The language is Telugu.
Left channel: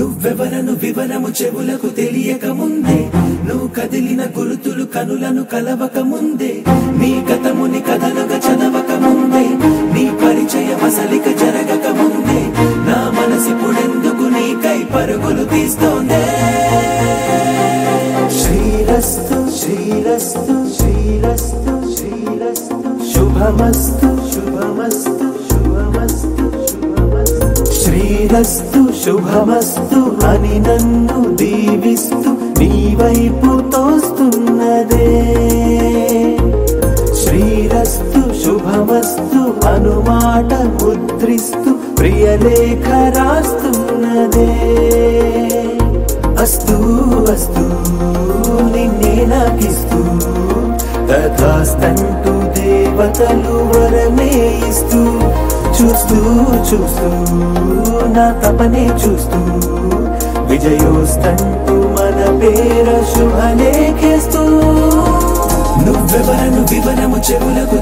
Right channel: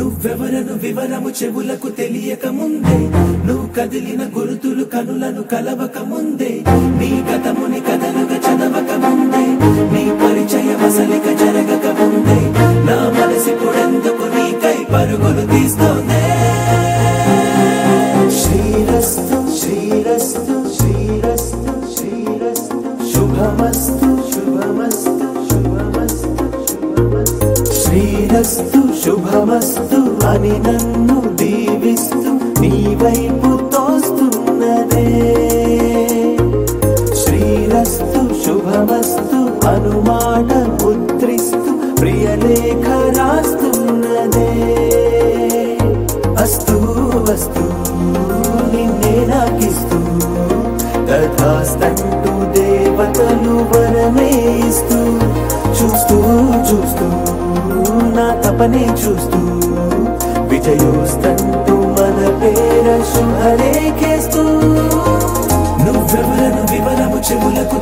నువ్వెవరను వివరము చెవులకు తెలియక ముందే, నువ్వు కదిలిన గురుతులు కనులను కలవక ముందే, నీ గతముని కథలుగా చదవక ముందే, నీ పరిచయ వసలిక జరగక ముందే, నా మనసిపుడెందుకు నీకై పరుగులు తీస్తోందే. శ్రీరస్తు శ్రీరస్తు శ్రీరస్తు శ్రీరస్తు శుభమస్తు శుభమస్తు శుభమస్తు శుభమస్తు. శ్రీరస్తు శుభమస్తు అని నన్ను దీవిస్తూ నీ వైపు తోస్తున్నదే. శ్రీరస్తు శుభమస్తు అనుమాట ముద్రిస్తూ ప్రియలేఖ రాస్తున్నదే. అస్తు అస్తు నిన్నే నాకిస్తూ తథాస్తంటూ దేవతలు వరమే ఇస్తూ, చూస్తూ చూస్తూ నా తపనే చూస్తూ విజయోస్తంటూ మన పేర శుభలేఖేస్తూ. నువ్వెవరను వివరము చెవులకు